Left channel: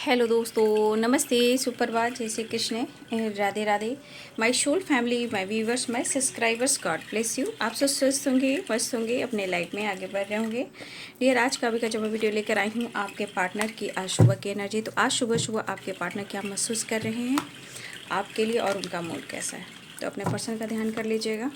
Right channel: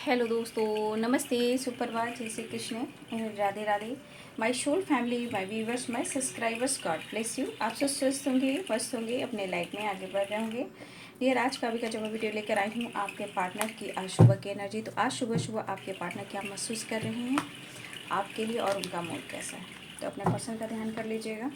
Hello दोस्तों, नमस्ते, सुप्रभात, जय Shri Krishna, Radhe Radhe. My soul family, my viewers, my subscribers, God bless you. आप सब स्वस्थ होंगे, मस्त होंगे, अपने लाइफ में आगे बढ़ रहे होंगे। डियर, आज का भी जो मैं वीडियो लेकर आई हूँ आपके पार्टनर की आज सुबह की एनर्जी। तो आज सुबह सुबह आपके पार्टनर क्या महसूस कर रहे हैं आपके लिए और उनका मूड कैसा है, तो अपने पर्सन का ध्यान कर लीजिएगा।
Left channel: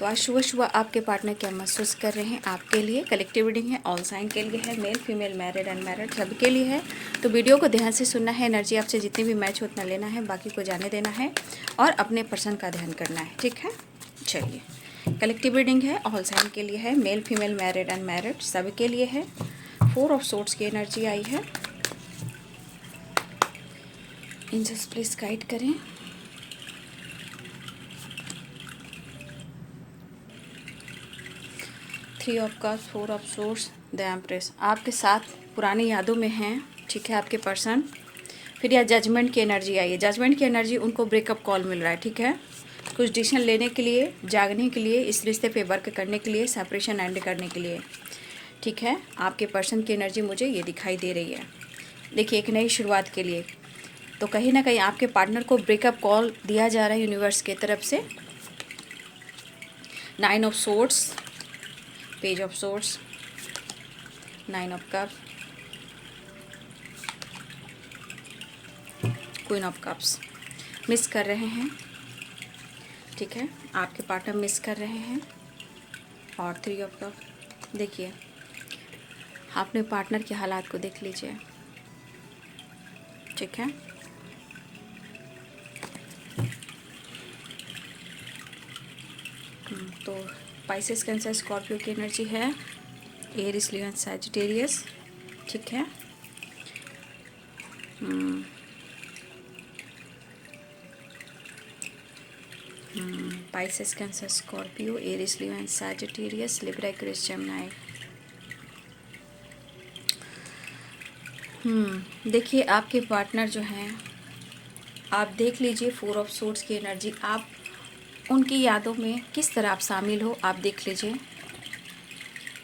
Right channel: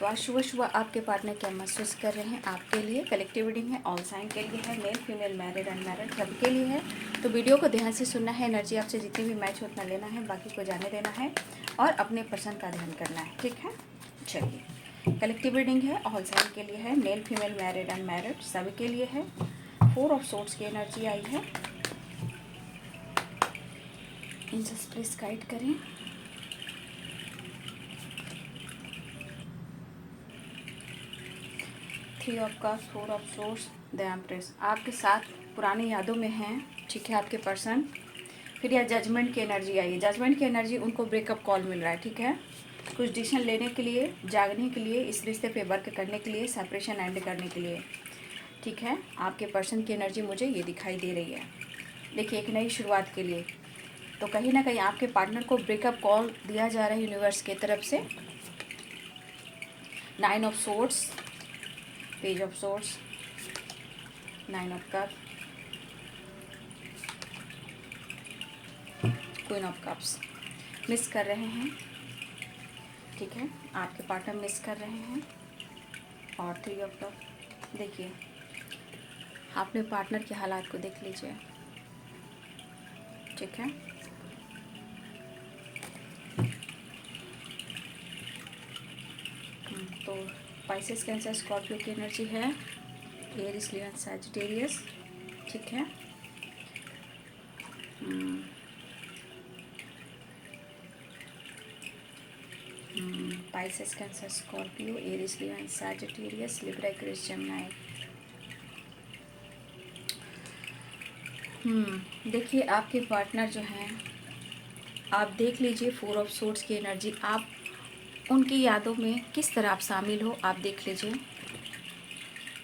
तो आज सुबह सुबह आपके पार्टनर क्या महसूस कर रहे हैं आपके लिए। कलेक्टिव रीडिंग है, ऑल साइन के लिए है, मेल फीमेल मैरिड अनमैरिड सबके लिए है। तो वीडियो को ध्यान से सुनना है, एनर्जी आपसे जितनी भी मैच हो उतना लेना है, बाकी को जाने देना है और अपने पर्सन का ध्यान करना है, ठीक है। चलिए, कलेक्टिव रीडिंग है, ऑल साइन के लिए है, मेल फीमेल मैरिड अनमैरिड सबके लिए है। 4 ऑफ सोर्ड्स की एनर्जी आई है। एंजल्स प्लीज गाइड करें। 3 of cups, 4 of source, the empress. आपके साथ पुरानी यादों में हैं, ठीक है, आपके पर्सन। फिर यह जजमेंट की एनर्जी आई है। जजमेंट की एनर्जी, उनको ब्रेकअप कॉल मिल रहा है, ठीक है। कुछ डिसीजन लेने के लिए, जागने के लिए, इस रिश्ते पे वर्क करने के लिए, सेपरेशन एंड करने के लिए, ठीक है। आपके पर्सन की एनर्जी मुझे ये दिखाई दे रही है। देखिए, एक नई शुरुआत के लिए तो कहीं ना कहीं आपके पार्टनर को ब्रेकअप कॉल दिया जा रहा है यूनिवर्स के तरफ से। 9 of swords, page of swords, 9 of cups, queen of cups. Miss कर रहे हैं, ठीक है, आपके पार्टनर मिस कर रहे हैं। और 3 ऑफ कप्स। देखिए, अपने पार्टनर के हालात को देख लीजिए, ठीक है। तो पाइसेस, कैंसर, स्कॉर्पियो की एनर्जी है, एरिस, लियो, सैजिटेरियस, ठीक है। Pisces, Cancer, Scorpio, Aries, Leo and Sagittarius, Libra, Aquarius, Gemini. देखिए, आपके पार्टनर जो हैं, आप देख लीजिए 4 ऑफ सोर्ड्स की एनर्जी। आप उनकी यादों में किस तरह आप शामिल हो, आप देख लीजिए।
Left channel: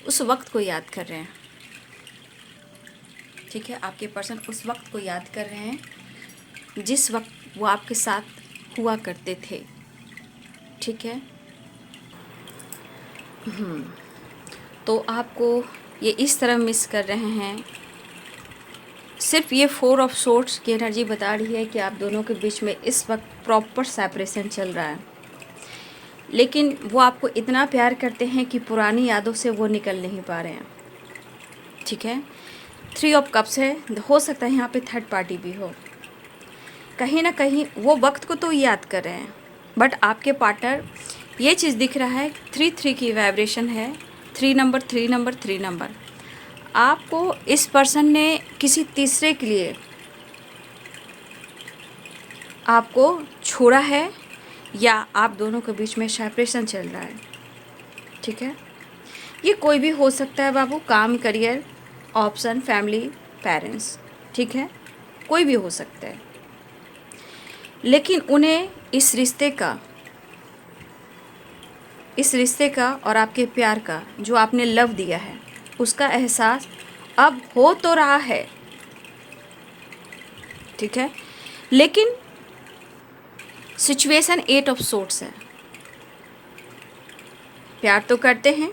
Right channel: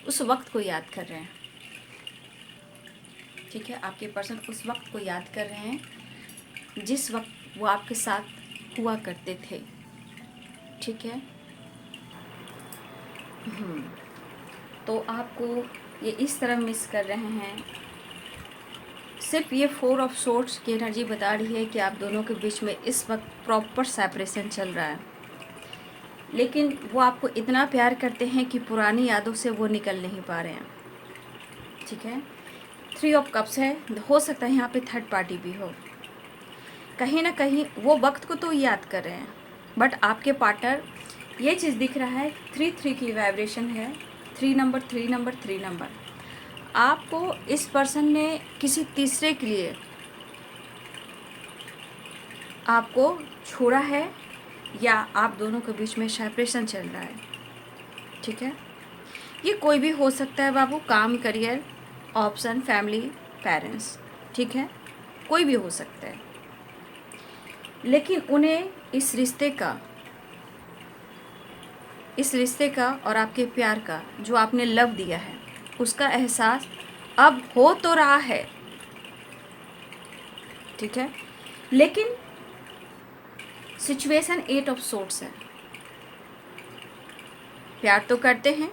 उस वक्त को याद कर रहे हैं, ठीक है। आपके पर्सन उस वक्त को याद कर रहे हैं जिस वक्त वो आपके साथ हुआ करते थे, ठीक है। तो आपको ये इस तरह मिस कर रहे हैं। सिर्फ ये 4 ऑफ सोर्ड्स की एनर्जी बता रही है कि आप दोनों के बीच में इस वक्त प्रॉपर सेपरेशन चल रहा है, लेकिन वो आपको इतना प्यार करते हैं कि पुरानी यादों से वो निकल नहीं पा रहे हैं, ठीक है। 3 ऑफ कप्स है। हो सकता है यहाँ पे थर्ड पार्टी भी हो। कहीं ना कहीं वो वक्त को तो याद कर रहे हैं, बट आपके पार्टनर, ये चीज़ दिख रहा है 3-3 की वाइब्रेशन है। 3 नंबर, 3 नंबर, 3 नंबर। आपको इस पर्सन ने किसी तीसरे के लिए आपको छोड़ा है, या आप दोनों के बीच में सेपरेशन चल रहा है, ठीक है। ये कोई भी हो सकता है बाबू, काम, करियर, ऑप्शन, फैमिली, पेरेंट्स, ठीक है, कोई भी हो सकता है। लेकिन उन्हें इस रिश्ते का और आपके प्यार का, जो आपने लव दिया है, उसका एहसास अब हो तो रहा है, ठीक है। लेकिन सिचुएशन 8 ऑफ सोर्ड्स है। प्यार तो करते हैं,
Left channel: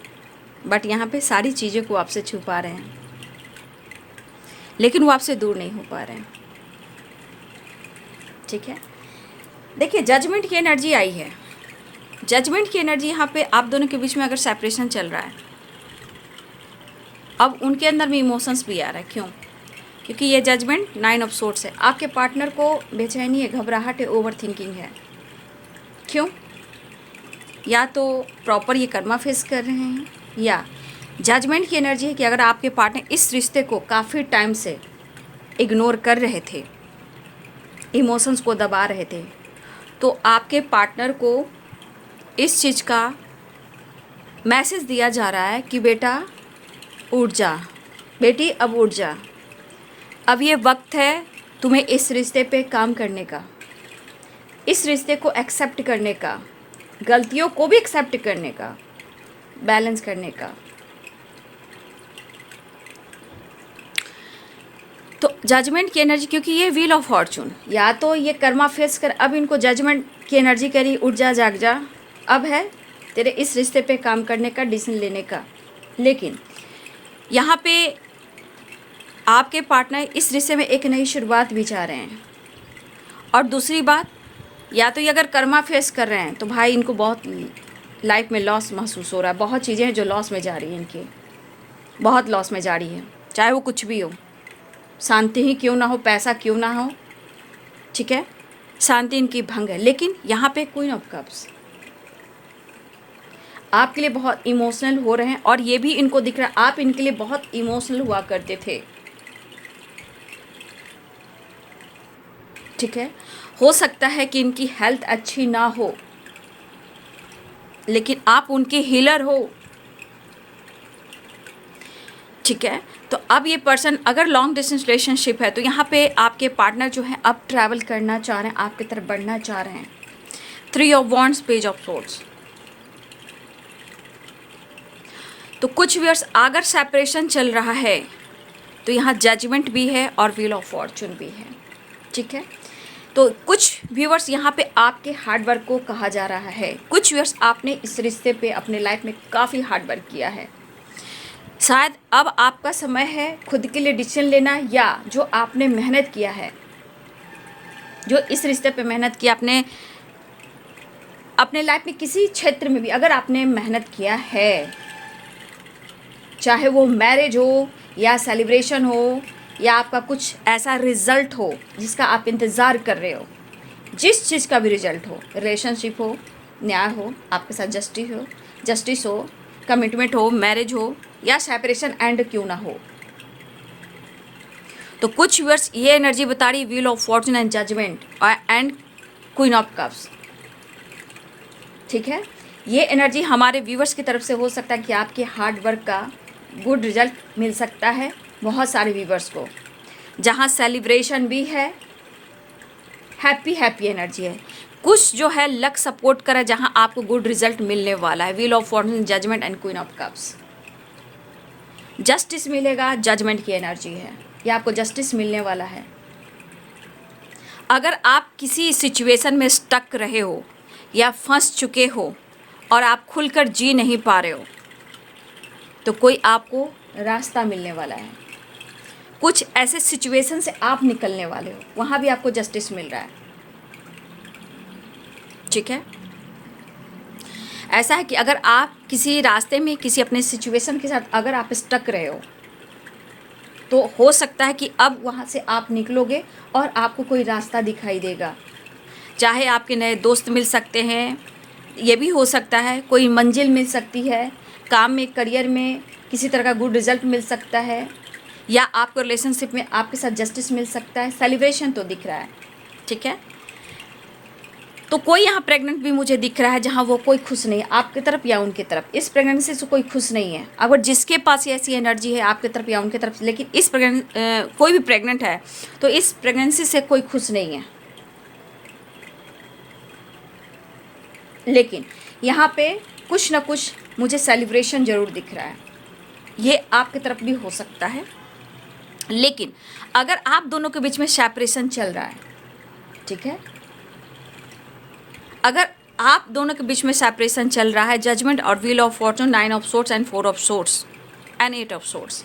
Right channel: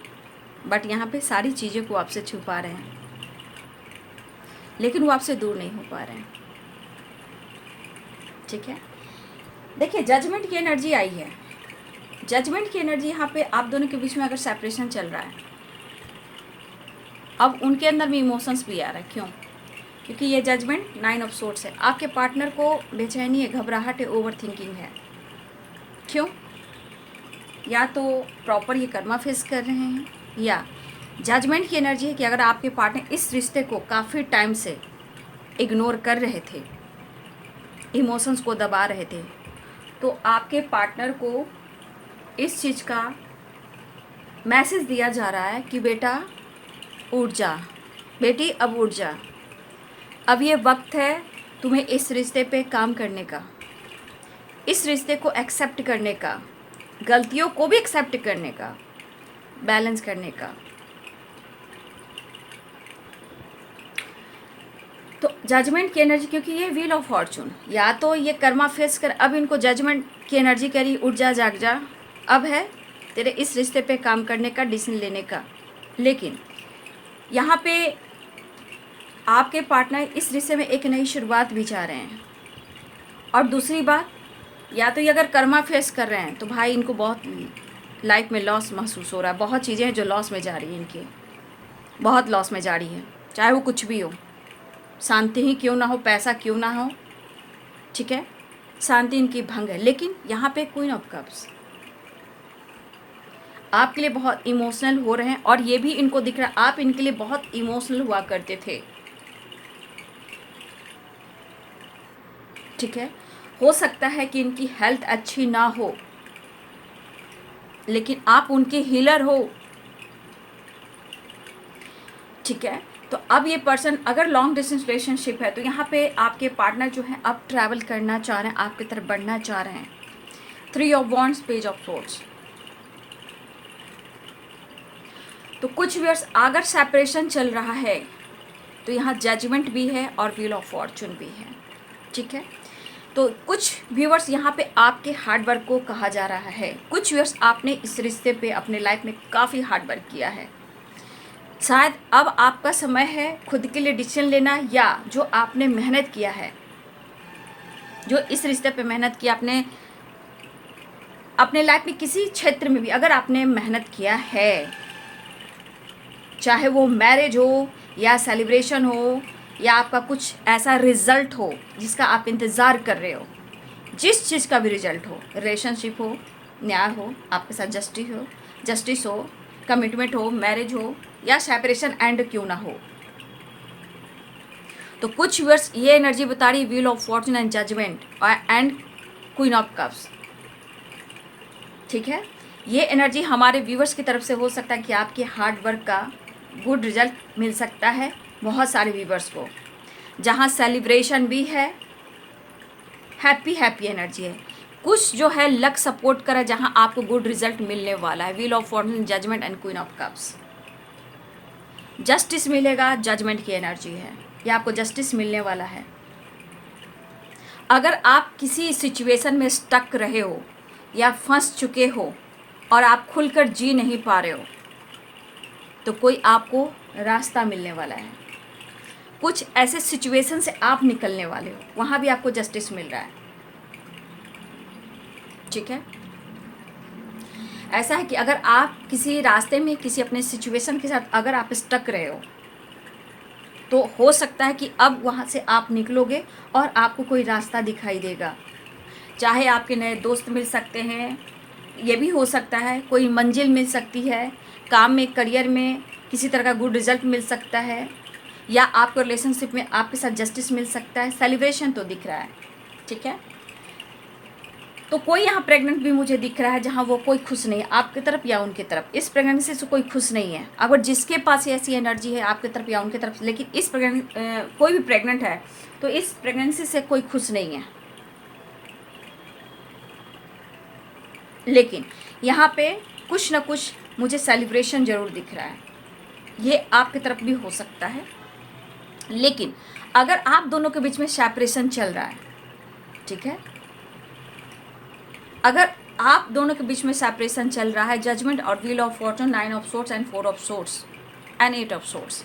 बट यहाँ पे सारी चीज़ों को आपसे छुपा रहे हैं, लेकिन वो आपसे दूर नहीं हो पा रहे हैं, ठीक है। देखिए, जजमेंट की एनर्जी आई है। जजमेंट की एनर्जी यहाँ पे आप दोनों के बीच में अगर सेपरेशन चल रहा है, अब उनके अंदर में इमोशंस भी आ रहा है। क्यों? क्योंकि ये जजमेंट 9 ऑफ सोर्ड्स है। आपके पार्टनर को बेचैनी है, घबराहट है, ओवर थिंकिंग है। क्यों? या तो प्रॉपर ये कर्मा फेस कर रहे हैं, या जजमेंट की एनर्जी है कि अगर आपके पार्टनर इस रिश्ते को काफ़ी टाइम से इग्नोर कर रहे थे, इमोशंस को दबा रहे थे, तो आपके पार्टनर को इस चीज़ का मैसेज दिया जा रहा है कि बेटा उठ जा, बेटी अब उठ जा, अब ये वक्त है तुम्हें इस रिश्ते पे काम करने का, इस रिश्ते को एक्सेप्ट करने का, गलतियों को भी एक्सेप्ट करने का, बैलेंस करने का। तो जजमेंट की एनर्जी, क्योंकि ये व्हील ऑफ फॉर्चून, या तो ये कर्मा फेस कर, अब इनको जजमेंट की एनर्जी करी, उठ जा जाग जा, अब है तेरे इस रिश्ते पे काम करने का, डिसीजन लेने का। लेकिन यहाँ पे आपके पार्टनर इस रिश्ते में एक नई शुरुआत भी चाह रहे हैं। और दूसरी बात, या तो ये अगर कर्मा फेस कर रहे हैं तो भाई इनको बहुत लाइफ में लॉस महसूस हो रहा है, बहुत चीज़ें हैं जो लॉस में जा रही हैं, इनके बहुत लॉस में जा रही है, चाहे वो कुछ भी हो, शांति ही क्यों ना हो, पैसा क्यों ना हो, ठीक है, शांति इनकी भंग है। लेकिन यहाँ पे क्वीन ऑफ कप्स आपके लिए बहुत इमोशनल हो रहे हैं, और ये भी इनको दिख रहा है आप इनके लिए बहुत इमोशनल हुआ करते थे, ठीक है। हो सकता है कि इनकी हेल्थ अच्छी ना हो, लेकिन आप उनके हीलर हो, ठीक है। तो अब ये पर्सन अगर लॉन्ग डिस्टेंस रिलेशनशिप है तो यहाँ पे आपके पार्टनर जो है अब ट्रैवल करना चाह रहे हैं, आपकी तरफ बढ़ना चाह रहे हैं। 3 of wands, page of swords. तो कुछ व्यूअर्स अगर सेपरेशन चल रहा है तो यहाँ जजमेंट भी है और व्हील ऑफ फॉर्चून भी है, ठीक है। तो कुछ व्यूअर्स यहाँ पे आपके हार्ड वर्क को कहा जा रहा है, कुछ व्यूअर्स आपने इस रिश्ते पे अपने लाइफ में काफ़ी हार्ड वर्क किया है। शायद अब आपका समय है खुद के लिए डिसीजन लेना, या जो आपने मेहनत किया है, जो इस रिश्ते पे मेहनत किया, आपने अपने लाइफ में किसी क्षेत्र में भी अगर आपने मेहनत किया है, चाहे वो मैरिज हो या सेलिब्रेशन हो या आपका कुछ ऐसा रिजल्ट हो जिसका आप इंतज़ार कर रहे हो, जिस चीज़ का भी रिजल्ट हो, रिलेशनशिप हो, न्याय हो, आपके साथ जस्टिस हो, कमिटमेंट हो, मैरिज हो या सेपरेशन एंड क्यों ना हो, तो कुछ व्यूअर्स ये एनर्जी बता रही wheel of fortune and judgement and queen of cups, ठीक है। ये एनर्जी हमारे व्यूअर्स की तरफ से हो सकता है कि आपके हार्ड वर्क का गुड रिजल्ट मिल सकता है बहुत सारे व्यूअर्स को, जहाँ सेलिब्रेशन भी है, हैप्पी एनर्जी है। कुछ जो है लक सपोर्ट करे, जहाँ आपको गुड रिजल्ट मिलने वाला है। Wheel of fortune, judgment and queen of cups. Justice मिलेगा, जजमेंट की एनर्जी है, या आपको जस्टिस मिलने वाला है। अगर आप किसी सिचुएशन में स्टक रहे हो या फंस चुके हो और आप खुलकर जी नहीं पा रहे हो, तो कोई आपको रास्ता मिलने वाला है। कुछ ऐसे सिचुएशन से आप निकलने वाले हो, वहाँ भी आपको जस्टिस मिल रहा है, ठीक है। ऐसा है कि अगर आप किसी रास्ते में किसी अपने सिचुएशन के साथ अगर आप स्टक रहे हो, तो हो सकता है कि अब वहाँ से आप निकलोगे और आपको कोई रास्ता दिखाई देगा। चाहे आपके नए दोस्त मिल सकते हैं, ये भी हो सकता है कोई मंजिल मिल सकती है, काम में, करियर में किसी तरह का गुड रिजल्ट मिल सकता है, या आपको रिलेशनशिप में आपके साथ जस्टिस मिल सकता है। सेलिब्रेशन तो दिख रहा है, ठीक है। तो कोई यहाँ प्रेग्नेंट भी मुझे दिख रहा है, जहाँ वो कोई खुश नहीं है आपकी तरफ या उनकी तरफ। इस प्रेगनेंसी से कोई खुश नहीं है। अगर जिसके पास ऐसी एनर्जी है आपकी तरफ या उनकी तरफ, लेकिन इस कोई भी प्रेग्नेंट है तो इस प्रेगनेंसी से कोई खुश नहीं है। लेकिन यहाँ पे कुछ ना कुछ मुझे सेलिब्रेशन ज़रूर दिख रहा है, ये आपकी तरफ भी हो सकता है। लेकिन अगर आप दोनों के बीच में सेपरेशन चल रहा है, ठीक है, अगर आप दोनों के बीच में सेपरेशन चल रहा है, जजमेंट और wheel of Fortune, 9 of swords and 4 of swords and 8 of swords,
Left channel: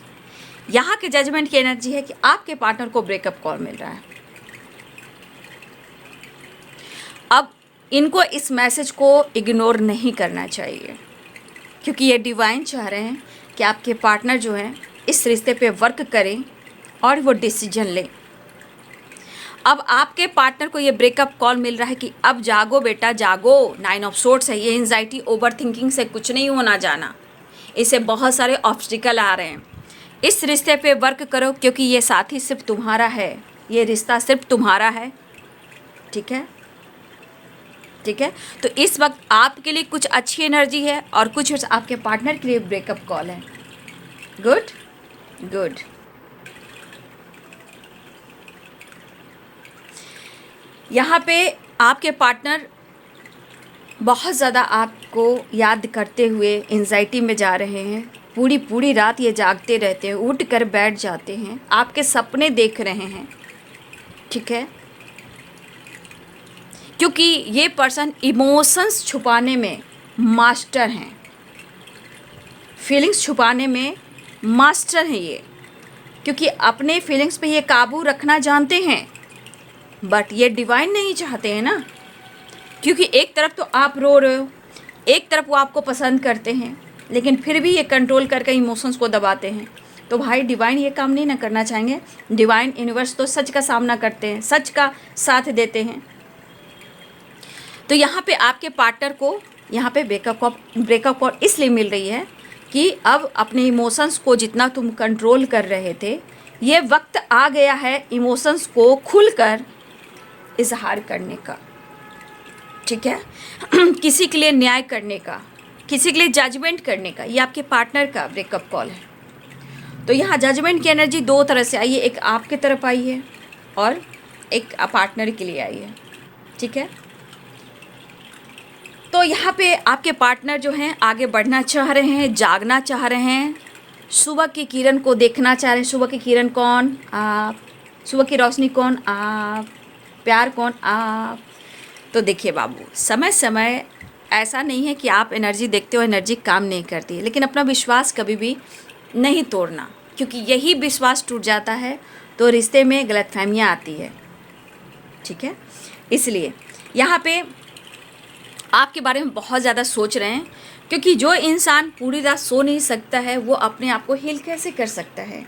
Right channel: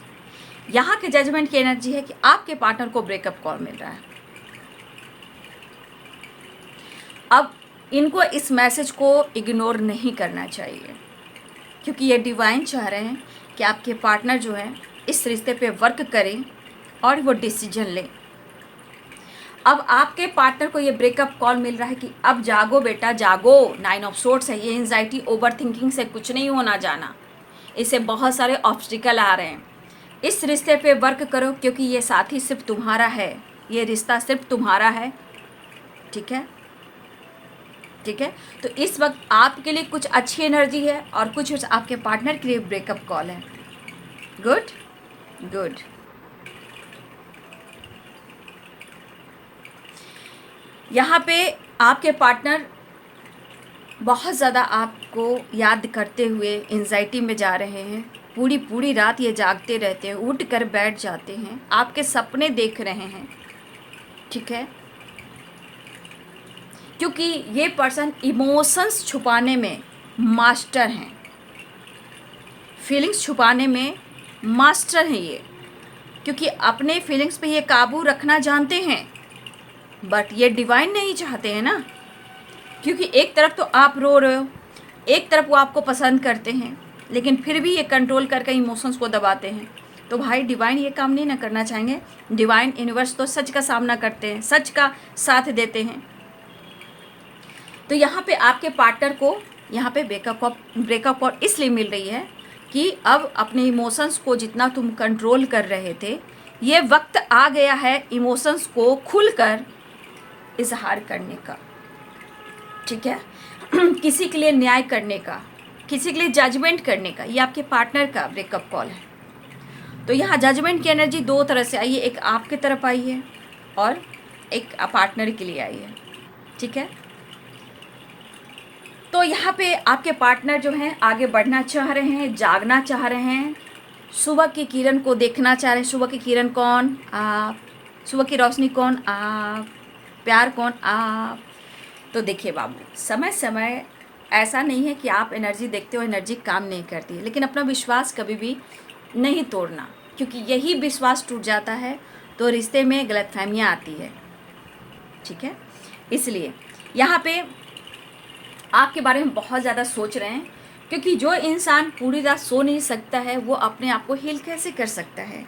यहाँ के जजमेंट की एनर्जी है कि आपके पार्टनर को ब्रेकअप कॉल मिल रहा है। अब इनको इस मैसेज को इग्नोर नहीं करना चाहिए, क्योंकि ये डिवाइन चाह रहे हैं कि आपके पार्टनर जो है इस रिश्ते पे वर्क करें और वो डिसीजन लें। अब आपके पार्टनर को ये ब्रेकअप कॉल मिल रहा है कि अब जागो बेटा जागो, 9 ऑफ सोर्ड्स है। ये एंजाइटी, ओवर थिंकिंग से कुछ नहीं होना जाना, इससे बहुत सारे ऑब्स्टिकल आ रहे हैं। इस रिश्ते पे वर्क करो, क्योंकि ये साथी सिर्फ तुम्हारा है, ये रिश्ता सिर्फ तुम्हारा है, ठीक है, ठीक है। तो इस वक्त आपके लिए कुछ अच्छी एनर्जी है और कुछ आपके पार्टनर के लिए ब्रेकअप कॉल है। Good good. यहाँ पे आपके पार्टनर बहुत ज़्यादा आपको याद करते हुए एंजाइटी में जा रहे हैं, पूरी पूरी रात ये जागते रहते हैं, उठ कर बैठ जाते हैं, आपके सपने देख रहे हैं, ठीक है। क्योंकि ये पर्सन इमोशंस छुपाने में मास्टर हैं, फीलिंग्स छुपाने में मास्टर हैं ये, क्योंकि अपने फीलिंग्स पे ये काबू रखना जानते हैं। बट ये डिवाइन नहीं चाहते हैं ना, क्योंकि एक तरफ तो आप रो रहे हो, एक तरफ वो आपको पसंद करते हैं, लेकिन फिर भी ये कंट्रोल करके इमोशंस को दबाते हैं। तो भाई डिवाइन ये काम नहीं ना करना चाहेंगे। डिवाइन यूनिवर्स तो सच का सामना करते हैं, सच का साथ देते हैं। तो यहाँ पे आपके पार्टनर को यहाँ पे ब्रेकअप कॉल इसलिए मिल रही है कि अब अपने इमोशंस को जितना तुम कंट्रोल कर रहे थे, ये वक्त आ गया है इमोशंस को खुलकर इजहार करने का, ठीक है। किसी के लिए न्याय करने का, किसी के लिए जजमेंट करने का। ये आपके पार्टनर का ब्रेकअप कॉल है। तो यहाँ जजमेंट की एनर्जी दो तरह से आई है, एक आपके तरफ आई है और एक पार्टनर के लिए आई है, ठीक है। तो यहाँ पे आपके पार्टनर जो हैं आगे बढ़ना चाह रहे हैं, जागना चाह रहे हैं, सुबह की किरण को देखना चाह रहे हैं। सुबह की किरण कौन? आप। सुबह की रोशनी कौन? आप। प्यार कौन? आप। तो देखिए बाबू, समय समय ऐसा नहीं है कि आप एनर्जी देखते हो एनर्जी काम नहीं करती है, लेकिन अपना विश्वास कभी भी नहीं तोड़ना, क्योंकि यही विश्वास टूट जाता है तो रिश्ते में गलतफहमियाँ आती है, ठीक है। इसलिए यहाँ पे आपके बारे में बहुत ज़्यादा सोच रहे हैं, क्योंकि जो इंसान पूरी रात सो नहीं सकता है वो अपने आप को हील कैसे कर सकता है।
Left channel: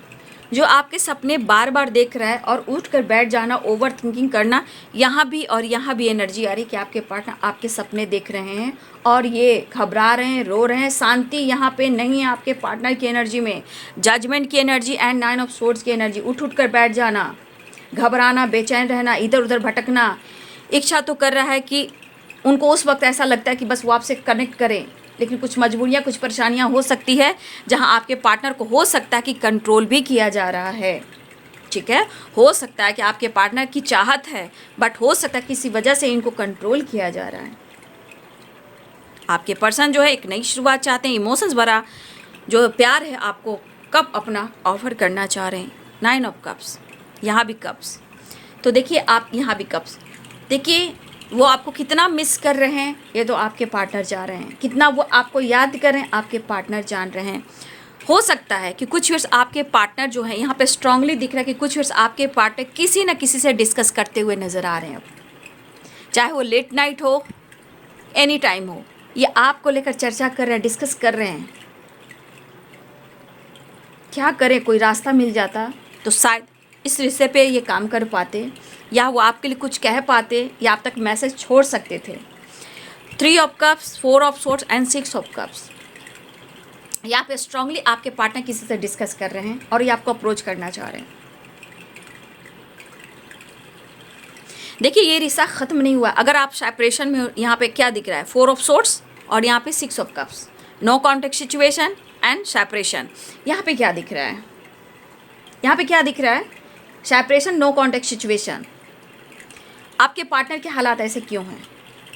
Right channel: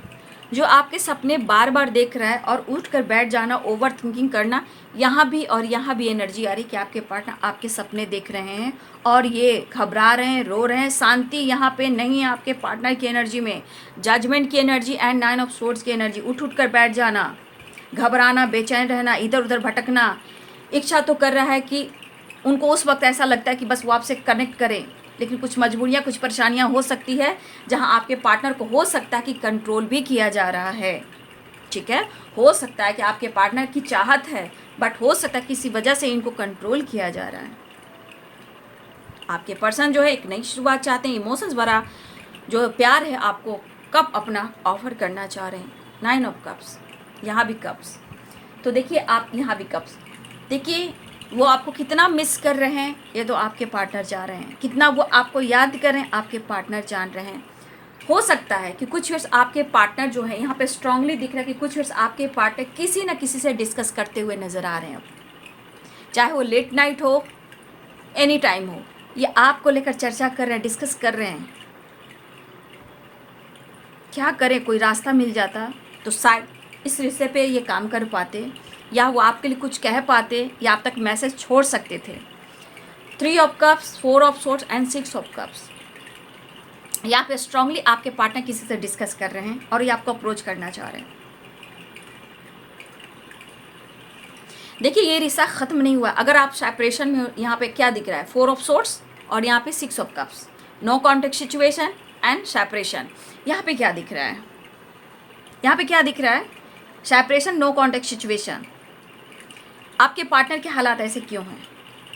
जो आपके सपने बार बार देख रहा है और उठ कर बैठ जाना, ओवर थिंकिंग करना, यहाँ भी और यहाँ भी एनर्जी आ रही कि आपके पार्टनर आपके सपने देख रहे हैं और ये घबरा रहे हैं, रो रहे हैं। शांति यहाँ पे नहीं है आपके पार्टनर की एनर्जी में। जजमेंट की एनर्जी एंड 9 ऑफ सोर्ड्स की एनर्जी, उठ कर बैठ जाना, घबराना, बेचैन रहना, इधर उधर भटकना। इच्छा तो कर रहा है कि उनको उस वक्त ऐसा लगता है कि बस वो आपसे कनेक्ट करें, लेकिन कुछ मजबूरियाँ, कुछ परेशानियाँ हो सकती है जहां आपके पार्टनर को हो सकता है कि कंट्रोल भी किया जा रहा है, ठीक है। हो सकता है कि आपके पार्टनर की चाहत है, बट हो सकता है किसी वजह से इनको कंट्रोल किया जा रहा है। आपके पर्सन जो है एक नई शुरुआत चाहते हैं, इमोशंस भरा जो प्यार है आपको कब अपना ऑफर करना चाह रहे हैं। 9 ऑफ कप्स, यहाँ भी कप्स। तो देखिए आप यहाँ भी कप्स, देखिए वो आपको कितना मिस कर रहे हैं ये तो आपके पार्टनर जा रहे हैं, कितना वो आपको याद कर रहे हैं आपके पार्टनर जान रहे हैं। हो सकता है कि कुछ वर्ष आपके पार्टनर जो है यहाँ पे स्ट्रांगली दिख रहा है कि कुछ वर्ष आपके पार्टनर किसी न किसी से डिस्कस करते हुए नज़र आ रहे हैं। चाहे वो लेट नाइट हो, एनी टाइम हो, ये आपको लेकर चर्चा कर रहे हैं, डिस्कस कर रहे हैं। क्या करें, कोई रास्ता मिल जाता तो शायद इस रिश्ते पे ये काम कर पाते, या वो आपके लिए कुछ कह पाते, या आप तक मैसेज छोड़ सकते थे। 3 of cups, 4 of swords and 6 of cups. यहाँ पे स्ट्रांगली आपके पार्टनर किसी से डिस्कस कर रहे हैं और ये आपको अप्रोच करना चाह रहे हैं। देखिए ये रिश्ता ख़त्म नहीं हुआ। अगर आप सेपरेशन में, यहाँ पे क्या दिख रहा है? 4 ऑफ सोर्ड्स और यहाँ पे 6 of cups. No contact situation and separation. यहाँ पे क्या दिख रहा है? यहाँ पे क्या दिख रहा है? Separation, no contact situation. आपके पार्टनर के हालात ऐसे क्यों हैं?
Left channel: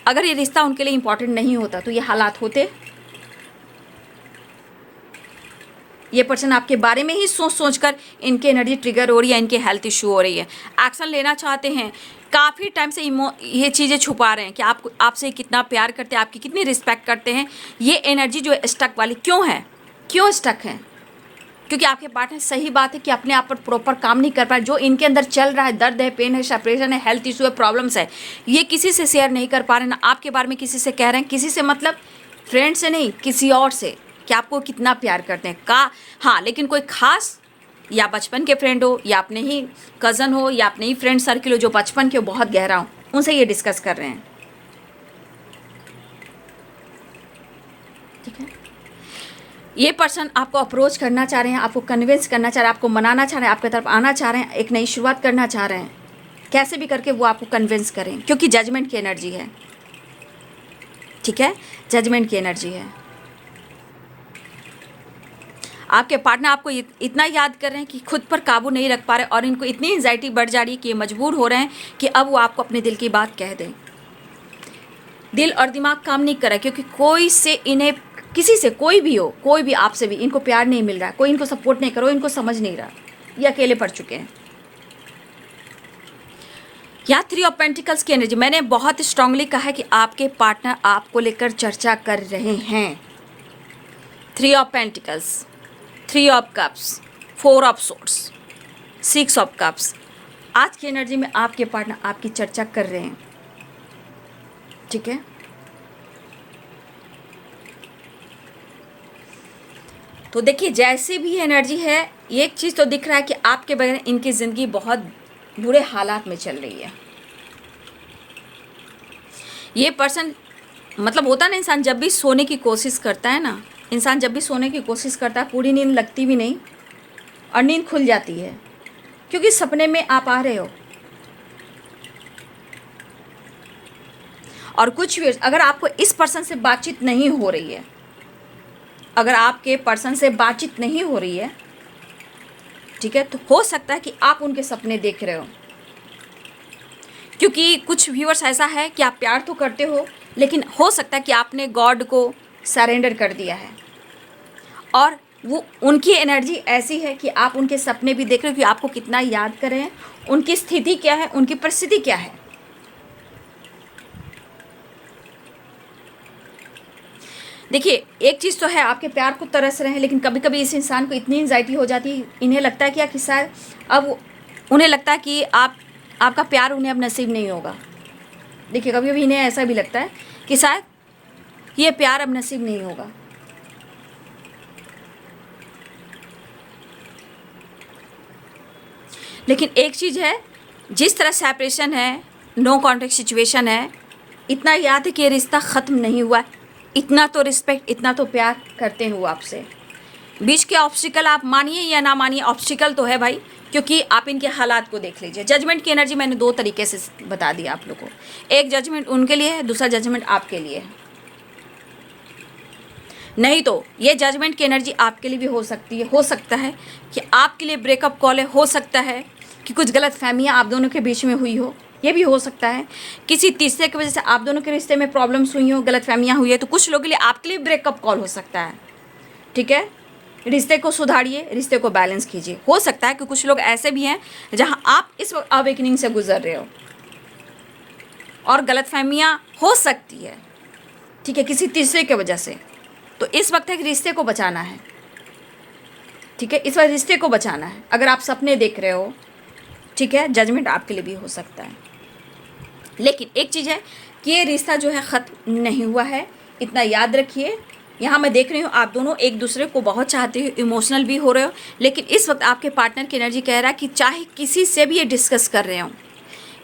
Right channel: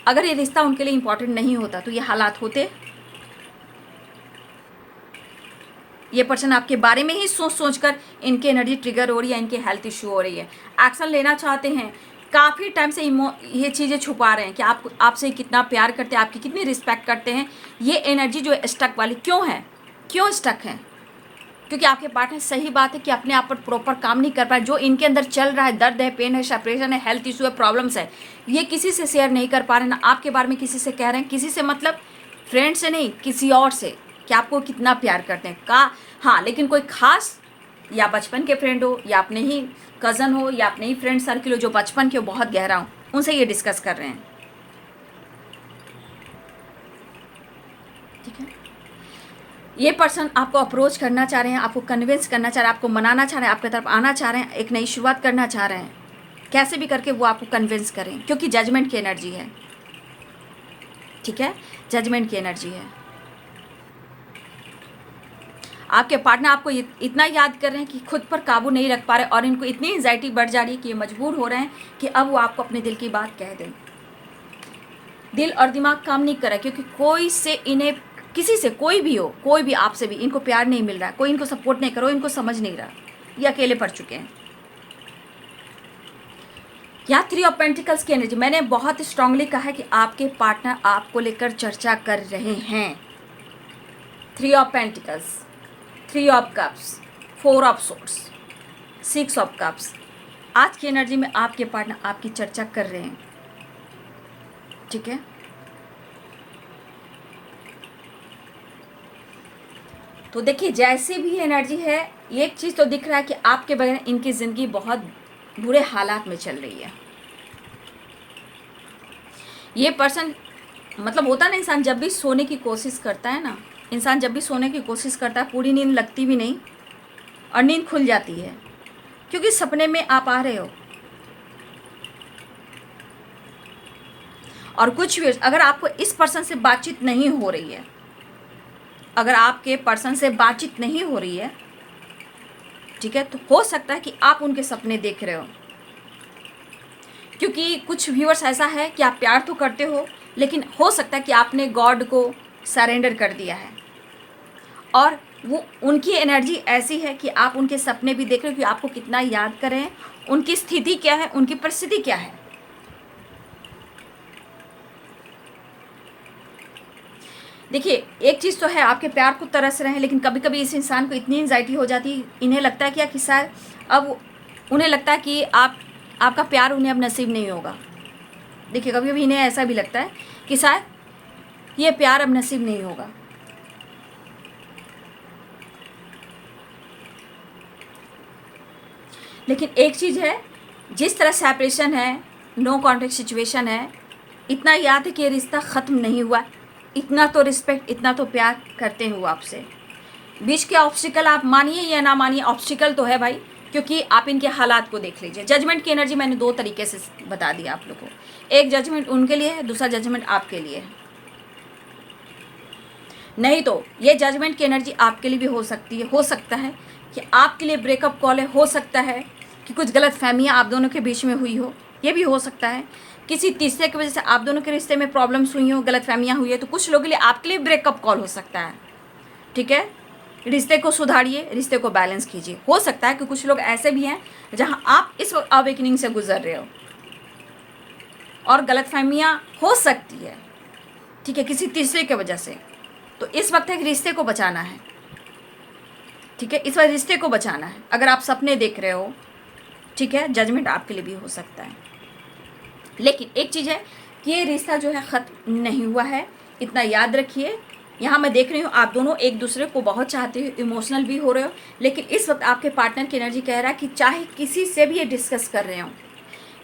अगर ये रिश्ता उनके लिए इम्पॉर्टेंट नहीं होता तो ये हालात होते? ये पर्सन आपके बारे में ही सोच सोच कर इनकी एनर्जी ट्रिगर हो रही है, इनके हेल्थ इशू हो रही है, एक्शन लेना चाहते हैं। काफ़ी टाइम से ये चीज़ें छुपा रहे हैं कि आपसे कितना प्यार करते हैं, आपकी कितनी रिस्पेक्ट करते हैं। ये एनर्जी जो है स्टक वाली क्यों है? क्यों स्टक है? क्योंकि आपके पार्टनर, सही बात है कि अपने आप पर प्रॉपर काम नहीं कर पाए। जो इनके अंदर चल रहा है, दर्द है, पेन है, सेपरेशन है, हेल्थ इशू है, प्रॉब्लम्स है, ये किसी से शेयर नहीं कर पा रहे, ना आपके बारे में किसी से कह रहे हैं। किसी से मतलब फ्रेंड से नहीं, किसी और से, कि आपको कितना प्यार करते हैं। हाँ, लेकिन कोई खास, या बचपन के फ्रेंड हो, या अपने ही कज़न हो, या अपने ही फ्रेंड सर्किल हो जो बचपन के हो, बहुत गहरा हो, उनसे ये डिस्कस कर रहे हैं, ठीक है। ये पर्सन आपको अप्रोच करना चाह रहे हैं, आपको कन्विंस करना चाह रहे हैं, आपको मनाना चाह रहे हैं, आपकी तरफ आना चाह रहे हैं, एक नई शुरुआत करना चाह रहे हैं। कैसे भी करके वो आपको कन्विंस करें, क्योंकि जजमेंट की एनर्जी है, ठीक है। जजमेंट की एनर्जी है। आपके पार्टनर आपको इतना याद कर रहे हैं कि खुद पर काबू नहीं रख पा रहे, और इनको इतनी एंजाइटी बढ़ जा रही है कि ये मजबूर हो रहे हैं कि अब वो आपको अपने दिल की बात कह दें। दिल और दिमाग काम नहीं कर रहा है, क्योंकि कोई से इन्हें किसी से, कोई भी हो, कोई भी आपसे भी इनको प्यार नहीं मिल रहा है, कोई इनको सपोर्ट नहीं करो, इनको समझ नहीं रहा, ये अकेले पड़ चुके हैं। यहाँ 3 ऑफ पेंटिकल्स की एनर्जी, मैंने बहुत स्ट्रांगली कहा है कि आपके पार्टनर आपको लेकर चर्चा कर रहे हैं। 3 of pentacles, 3 of cups, 4 of swords, 6 of cups, आज की एनर्जी में आपके पार्टनर आपकी चर्चा कर रहे हैं, ठीक है। तो देखिए जैसे भी एनर्जी है, एक चीज़ तो दिख रहा है कि आपके बगैर इनकी ज़िंदगी बहुत बुरे हालात में चल रही है। ये पर्सन, मतलब होता ना, इंसान जब भी सोने की कोशिश करता है ना, इंसान जब भी सोने की कोशिश करता है, पूरी नींद लगती भी नहीं और नींद खुल जाती है, क्योंकि सपने में आप आ रहे हो। और कुछ भी, अगर आपको इस पर्सन से बातचीत नहीं हो रही है, अगर आपके पर्सन से बातचीत नहीं हो रही है, ठीक है, तो हो सकता है कि आप उनके सपने देख रहे हो। क्योंकि कुछ व्यूअर्स ऐसा है कि आप प्यार तो करते हो, लेकिन हो सकता है कि आपने गॉड को सरेंडर कर दिया है, और वो उनकी एनर्जी ऐसी है कि आप उनके सपने भी देख रहे हो कि आपको कितना याद कर रहे हैं, उनकी स्थिति क्या है, उनकी परिस्थिति क्या है। देखिए एक चीज़ तो है, आपके प्यार को तरस रहे हैं, लेकिन कभी कभी इस इंसान को इतनी एंजाइटी हो जाती है, इन्हें लगता है कि शायद अब उन्हें लगता है कि आपका प्यार उन्हें अब नसीब नहीं होगा। देखिए कभी कभी इन्हें ऐसा भी लगता है कि शायद ये प्यार अब नसीब नहीं होगा। लेकिन एक चीज़ है, जिस तरह सेपरेशन है, नो कॉन्टेक्ट सिचुएशन है, इतना याद है कि ये रिश्ता ख़त्म नहीं हुआ, इतना तो रिस्पेक्ट, इतना तो प्यार करते हैं वो आपसे। बीच के ऑब्स्टिकल आप मानिए या ना मानिए, ऑब्स्टिकल तो है भाई, क्योंकि आप इनके हालात को देख लीजिए। जजमेंट की एनर्जी मैंने 2 तरीके से बता दिया आप लोगों को, एक जजमेंट उनके लिए है, दूसरा जजमेंट आपके लिए है। नहीं तो ये जजमेंट की एनर्जी आपके लिए भी हो सकती है, हो सकता है कि आपके लिए ब्रेकअप कॉल है, हो सकता है कि कुछ गलत फहमियाँ आप दोनों के बीच में हुई हो, ये भी हो सकता है। किसी तीसरे की वजह से आप दोनों के रिश्ते में प्रॉब्लम्स हुई हो, गलत फहमियाँ हुई है, तो कुछ लोगों के लिए आपके लिए ब्रेकअप कॉल हो सकता है, ठीक है। रिश्ते को सुधारिए, रिश्ते को बैलेंस कीजिए। हो सकता है कि कुछ लोग ऐसे भी हैं जहाँ आप इस वक्त अवेकनिंग से गुजर रहे हो और गलत फहमियाँ हो सकती है, ठीक है, किसी तीसरे की वजह से। तो इस वक्त एक रिश्ते को बचाना है, ठीक है, इस वक्त रिश्ते को बचाना है। अगर आप सपने देख रहे हो, ठीक है, जजमेंट आपके लिए भी हो सकता है। लेकिन एक चीज़ है कि ये रिश्ता जो है ख़त्म नहीं हुआ है, इतना याद रखिए। यहाँ मैं देख रही हूँ आप दोनों एक दूसरे को बहुत चाहते हो, इमोशनल भी हो रहे हो, लेकिन इस वक्त आपके पार्टनर की एनर्जी कह रहा है कि चाहे किसी से भी ये डिस्कस कर रहे हो,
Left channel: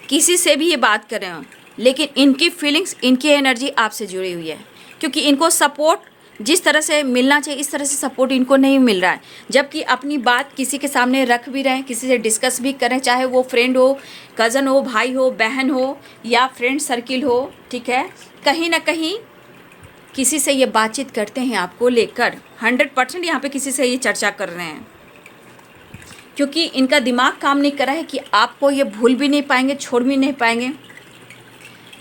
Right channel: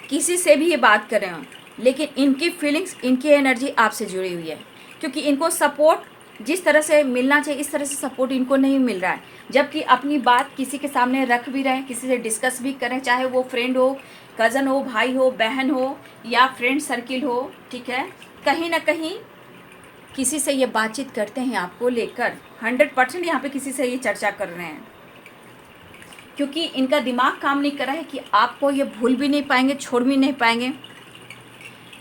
किसी से भी ये बात कर रहे हो, लेकिन इनकी फीलिंग्स, इनकी एनर्जी आपसे जुड़ी हुई है, क्योंकि इनको सपोर्ट जिस तरह से मिलना चाहिए इस तरह से सपोर्ट इनको नहीं मिल रहा है। जबकि अपनी बात किसी के सामने रख भी रहे हैं, किसी से डिस्कस भी करें, चाहे वो फ्रेंड हो, कज़न हो, भाई हो, बहन हो, या फ्रेंड सर्किल हो, ठीक है, कहीं ना कहीं किसी से ये बातचीत करते हैं आपको लेकर। 100% यहाँ पे किसी से ये चर्चा कर रहे हैं, क्योंकि इनका दिमाग काम नहीं कर रहा है कि आपको ये भूल भी नहीं पाएंगे, छोड़ भी नहीं पाएंगे।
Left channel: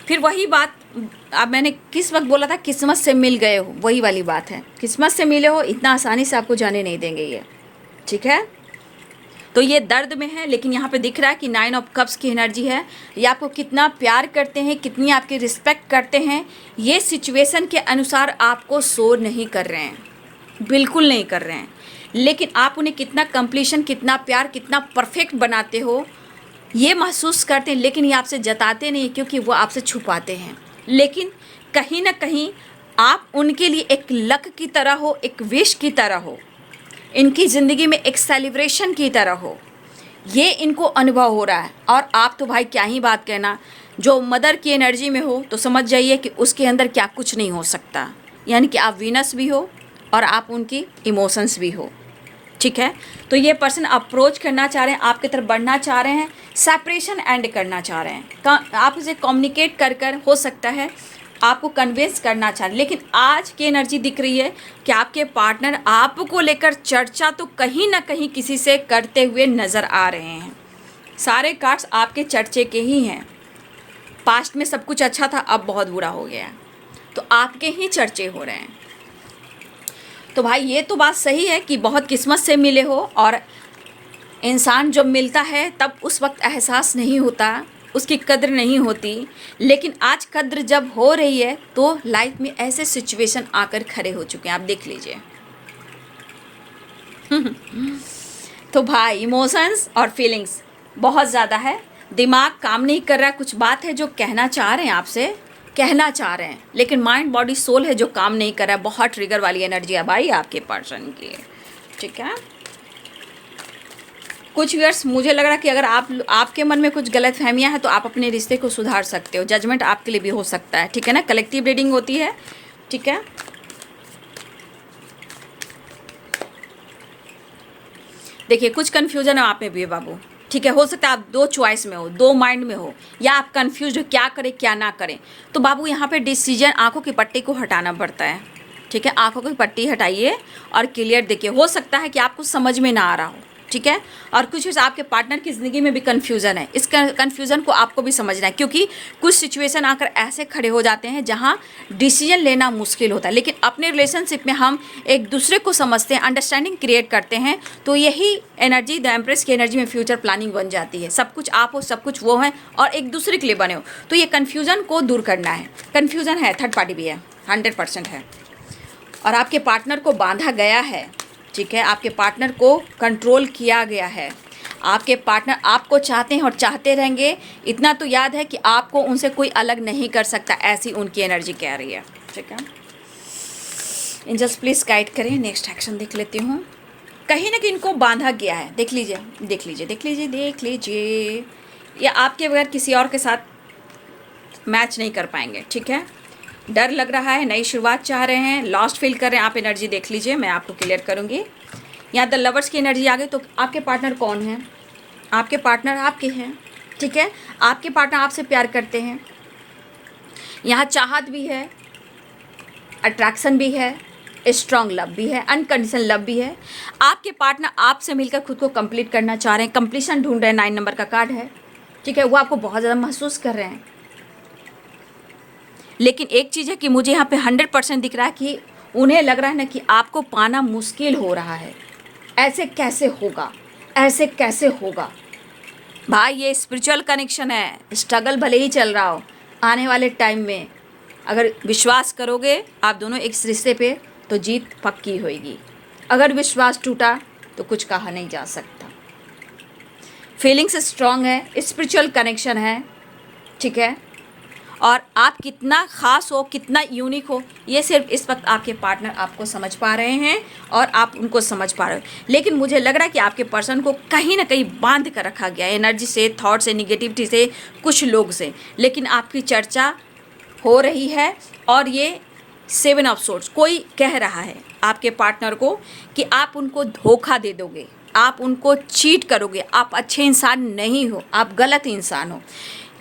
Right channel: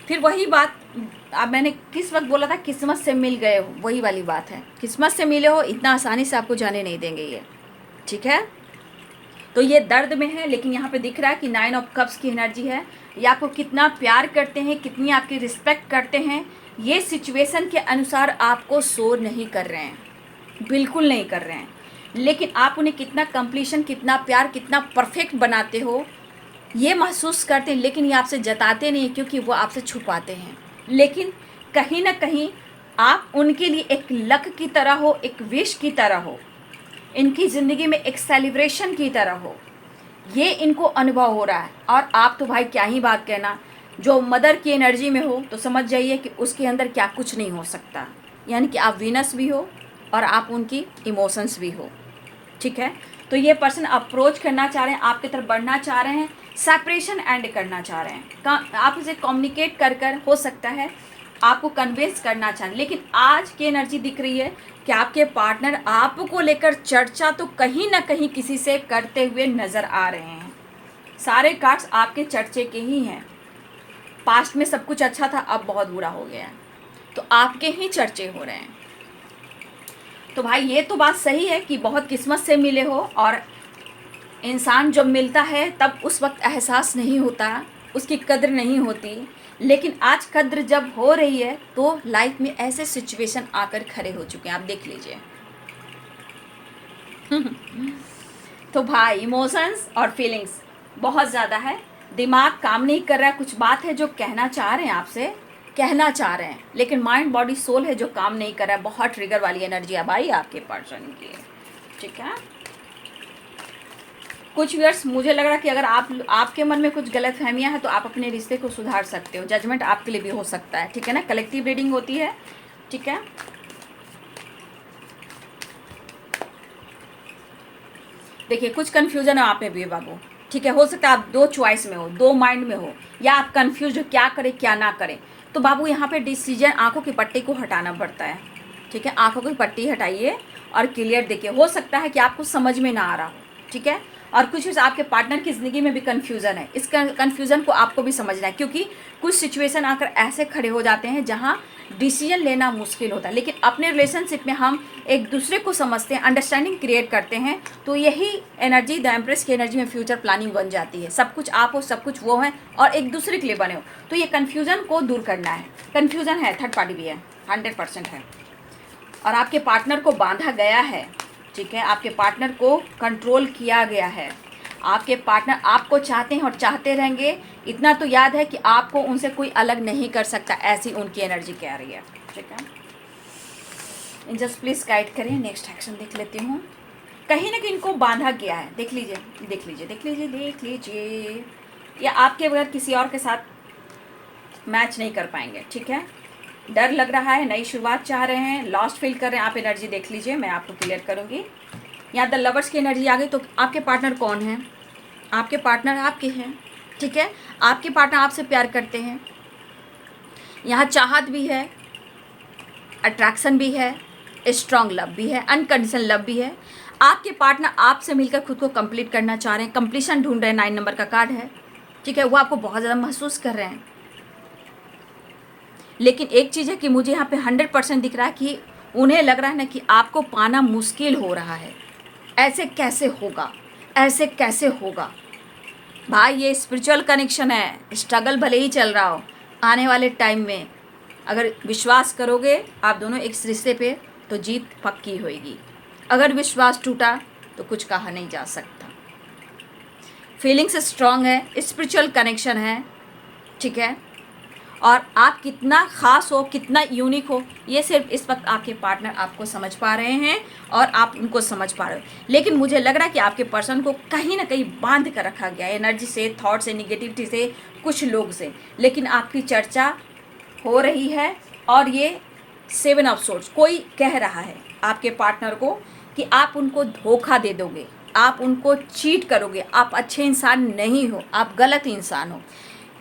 फिर वही बात, अब मैंने किस वक्त बोला था, किस्मत से मिल गए हो, वही वाली बात है। किस्मत से मिले हो, इतना आसानी से आपको जाने नहीं देंगे ये, ठीक है। तो ये दर्द में है, लेकिन यहाँ पे दिख रहा है कि 9 ऑफ कप्स की एनर्जी है। ये आपको कितना प्यार करते हैं, कितनी आपकी रिस्पेक्ट करते हैं, ये सिचुएशन के अनुसार आपको शोर नहीं कर रहे हैं, बिल्कुल नहीं कर रहे हैं। लेकिन आप उन्हें कितना कंप्लीशन, कितना प्यार, कितना परफेक्ट बनाते हो, ये महसूस करते हैं। लेकिन ये आपसे जताते नहीं, क्योंकि वो आपसे छुपाते हैं। लेकिन कहीं ना कहीं आप उनके लिए एक लक की तरह हो, एक विश की तरह हो, इनकी ज़िंदगी में एक सेलिब्रेशन की तरह हो, ये इनको अनुभव हो रहा है। और आप तो भाई क्या ही बात कहना, जो मदर की एनर्जी में हो तो समझ जाइए कि उसके अंदर क्या कुछ नहीं हो सकता। यानी कि आप वीनस भी हो और आप उनकी इमोशंस भी हो, ठीक है। तो ये पर्सन अप्रोच करना चाह रहे हैं, आपकी तरफ बढ़ना चाह रहे हैं, सेपरेशन एंड करना चाह रहे हैं। आप इसे कम्युनिकेट कर हो सकता है आपको कन्विंस करना चाह रहे हैं। लेकिन आज की एनर्जी दिख रही है कि आपके पार्टनर आपको लेकर चर्चा तो कहीं ना कहीं किसी से करते हुए नज़र आ रहे हैं। सारे कार्ड्स आपके चर्चे के ही हैं। पास्ट में सब कुछ अच्छा था, अब बहुत बुरा हो गया है, तो आपके ही चर्चे हो रहे हैं। तो भाई ये तो बात सही है कि बहुत किस्मत से मिले हो, और इंसान जब मिलता है तब उस वक्त एहसास नहीं होता, उसकी कद्र नहीं होती, लेकिन आज कद्र जब हो रही है तो लाइफ में ऐसे सिचुएशन आकर खड़े हो चुके हैं, आप देख लीजिए। तो भाई इमोशंस और फीलिंग्स बहुत ज़्यादा है, दिमाग काम नहीं कर रहा है, कुछ बात है जो कहना चाह रहे हैं आपसे, कहना चाह रहे हैं, लेकिन माइंड बॉडी सोल है जो काम नहीं कर रहा है। बहुत ट्रिगर वाली एनर्जी है भाई आपके पर्सन की, ठीक है। कुछ व्यूअर्स मुझे लग रहा है कि अगर आपके मन में कुछ गलत फहमियाँ हैं तो आप अपने रिश्ते को सुधार सकते हो, जजमेंट आपके लिए भी हो सकता है, ठीक है ना। कलेक्टिव रीडिंग होती है, ठीक है। देखिए कुछ कन्फ्यूजन है आप में भी बाबू, ठीक है। हो सकता है आप दो चॉइस में हो, दो माइंड में हो, या आप कंफ्यूज हो क्या करें क्या ना करें। तो बाबू यहाँ पे डिसीजन, आंखों की पट्टी को हटाना पड़ता है, ठीक है। आंखों की पट्टी हटाइए और क्लियर देखिए। हो सकता है कि आपको समझ में ना आ रहा हो, ठीक है। और कुछ आपके पार्टनर की ज़िंदगी में भी कन्फ्यूज़न है, इस कन्फ्यूज़न को आपको भी समझना है, क्योंकि कुछ सिचुएशन आकर ऐसे खड़े हो जाते हैं जहां डिसीजन लेना मुश्किल होता है। लेकिन अपने रिलेशनशिप में हम एक दूसरे को समझते हैं, अंडरस्टैंडिंग क्रिएट करते हैं, तो यही एनर्जी द एम्प्रेस की एनर्जी में फ्यूचर प्लानिंग बन जाती है। सब कुछ आप हो, सब कुछ वो है, और एक दूसरे के लिए बने हो। तो ये कन्फ्यूज़न को दूर करना है। कन्फ्यूज़न है, थर्ड पार्टी भी है, 100% है, और आपके पार्टनर को बांधा गया है, ठीक है। आपके पार्टनर को कंट्रोल किया गया है। आपके पार्टनर आपको चाहते हैं और चाहते रहेंगे, इतना तो याद है कि आपको उनसे कोई अलग नहीं कर सकता, ऐसी उनकी एनर्जी कह रही है, ठीक है। एंजल्स प्लीज गाइड करें। नेक्स्ट एक्शन देख लेती हूँ। कहीं ना कहीं इनको बांधा गया है, देख लीजिए देख लीजिए देख लीजिए देख लीजिए, या आपके बगैर किसी और के साथ मैच नहीं कर पाएंगे, ठीक है। डर लग रहा है, नई शुरुआत चाह रहे हैं, लॉस्ट फील कर रहे हैं। आप एनर्जी देख लीजिए, मैं आपको क्लियर करूंगी। यहाँ द लवर्स की एनर्जी आ गई। तो आपके पार्टनर कौन है? आपके पार्टनर आपके हैं, ठीक है। आपके पार्टनर आपसे प्यार करते हैं। यहाँ चाहत भी है, अट्रैक्शन भी है, स्ट्रॉन्ग लव भी है, अनकंडीशनल लव भी है। आपके पार्टनर आपसे मिलकर खुद को कंप्लीट करना चाह रहे हैं, कंप्लीशन ढूंढ रहे हैं, 9 नंबर का कार्ड है, ठीक है। वो आपको बहुत ज़्यादा महसूस कर रहे हैं। लेकिन एक चीज़ है कि मुझे यहाँ पे 100% दिख रहा है कि उन्हें लग रहा है ना कि आपको पाना मुश्किल हो रहा है। ऐसे कैसे होगा, ऐसे कैसे होगा भाई। ये स्पिरिचुअल कनेक्शन है, स्ट्रगल भले ही चल रहा हो, आने वाले टाइम में अगर विश्वास करोगे आप दोनों एक रिश्ते पे तो जीत पक्की होगी। अगर विश्वास टूटा तो कुछ कहा नहीं जा सकता। फीलिंग्स स्ट्रांग है, स्पिरिचुअल कनेक्शन है, ठीक है। और आप कितना ख़ास हो, कितना यूनिक हो, ये सिर्फ इस वक्त आपके पार्टनर आपको समझ पा रहे हैं और आप उनको समझ पा रहे हो। लेकिन मुझे लग रहा है कि आपके पर्सन को कहीं ना कहीं बांध कर रखा गया है, एनर्जी से, थॉट से, निगेटिविटी से, कुछ लोग से। लेकिन आपकी चर्चा हो रही है और ये 7 ऑफ सोर्ड्स कोई कह रहा है आपके पार्टनर को कि आप उनको धोखा दे दोगे, आप उनको चीट करोगे, आप अच्छे इंसान नहीं हो, आप गलत इंसान हो।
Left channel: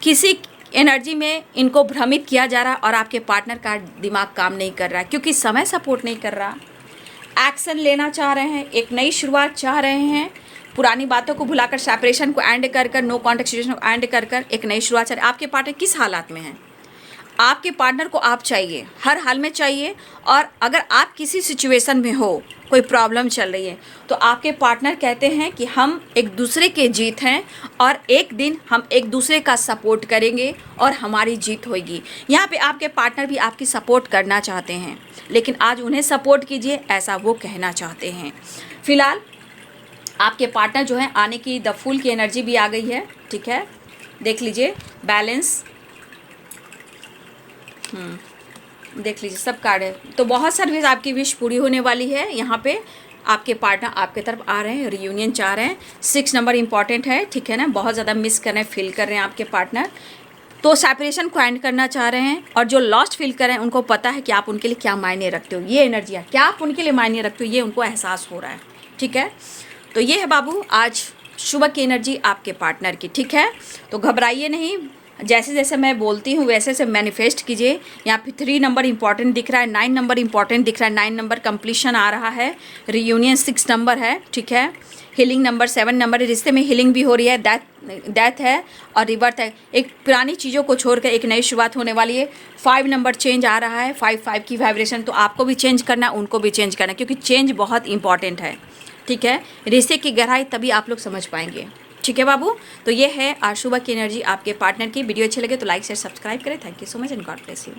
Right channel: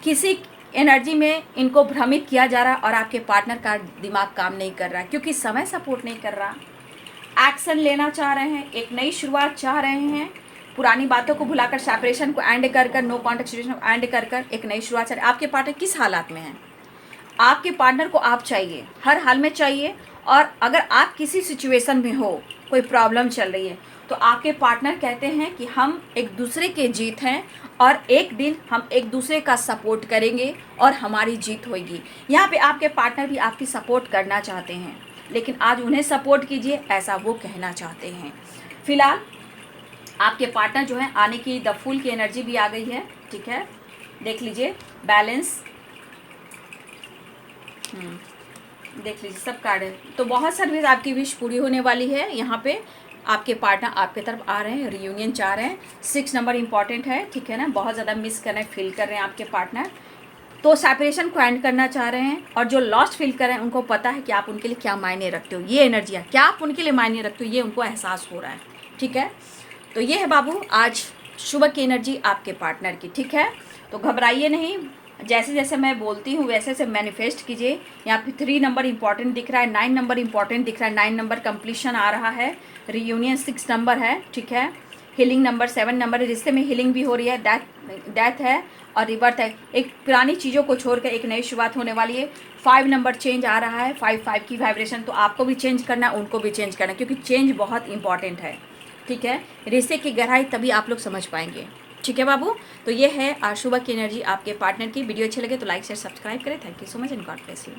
किसी एनर्जी में इनको भ्रमित किया जा रहा है और आपके पार्टनर का दिमाग काम नहीं कर रहा है, क्योंकि समय सपोर्ट नहीं कर रहा। एक्शन लेना चाह रहे हैं, एक नई शुरुआत चाह रहे हैं, पुरानी बातों को भुलाकर, सेपरेशन को एंड कर कर, नो कॉन्टेक्ट सिचुएशन को एंड कर कर एक नई शुरुआत चाह रहे हैं। आपके पार्टनर किस हालात में हैं? आपके पार्टनर को आप चाहिए, हर हाल में चाहिए। और अगर आप किसी सिचुएशन में हो, कोई प्रॉब्लम चल रही है, तो आपके पार्टनर कहते हैं कि हम एक दूसरे के जीत हैं और एक दिन हम एक दूसरे का सपोर्ट करेंगे और हमारी जीत होगी। यहाँ पे आपके पार्टनर भी आपकी सपोर्ट करना चाहते हैं, लेकिन आज उन्हें सपोर्ट कीजिए, ऐसा वो कहना चाहते हैं। फिलहाल आपके पार्टनर जो है आने की, द फूल की एनर्जी भी आ गई है, ठीक है। देख लीजिए बैलेंस, देख लीजिए सब कार्ड है। तो बहुत सारी आपकी विश पूरी होने वाली है। यहाँ पे आपके पार्टनर आपके तरफ आ रहे हैं, रियूनियन चाह रहे हैं। 6 नंबर इंपॉर्टेंट है, ठीक है ना। बहुत ज़्यादा मिस कर रहे हैं, फील कर रहे हैं आपके पार्टनर, तो सेपरेशन को एंड करना चाह रहे हैं। और जो लॉस्ट फील कर रहे हैं उनको पता है कि आप उनके लिए क्या मायने रखते हो। ये एनर्जी क्या आप उनके लिए मायने रखते हो, ये उनको एहसास हो रहा है, ठीक है। तो ये है बाबू आज सुबह की एनर्जी आपके पार्टनर की, ठीक है। तो घबराइए नहीं, जैसे जैसे मैं बोलती हूँ वैसे वैसे मैनिफेस्ट कीजिए। यहाँ पे 3 नंबर इंपॉर्टेंट दिख रहा है, 9 नंबर इंपॉर्टेंट दिख रहा है। 9 नंबर कंप्लीशन आ रहा है, रियूनियन 6 नंबर है, ठीक है। हीलिंग नंबर 7 नंबर है, रिश्ते में हीलिंग भी हो रही है, डेथ है और रिबर्थ है। एक पुरानी चीज़ों को छोड़कर एक नई शुरुआत होने वाली है। 5 नंबर चेंज आ रहा है, 5 की वाइब्रेशन, तो आपको भी चेंज करना है, उनको भी चेंज करना है, क्योंकि चेंज बहुत इंपॉर्टेंट है। ठीक है, रिश्ते की गहराई तभी आप लोग समझ पाएंगे। ठीक है बाबू, तो ये है आज सुबह की एनर्जी आपके पार्टनर की। वीडियो अच्छे लगे तो लाइक शेयर सब्सक्राइब करें। Thank you so much and God bless you.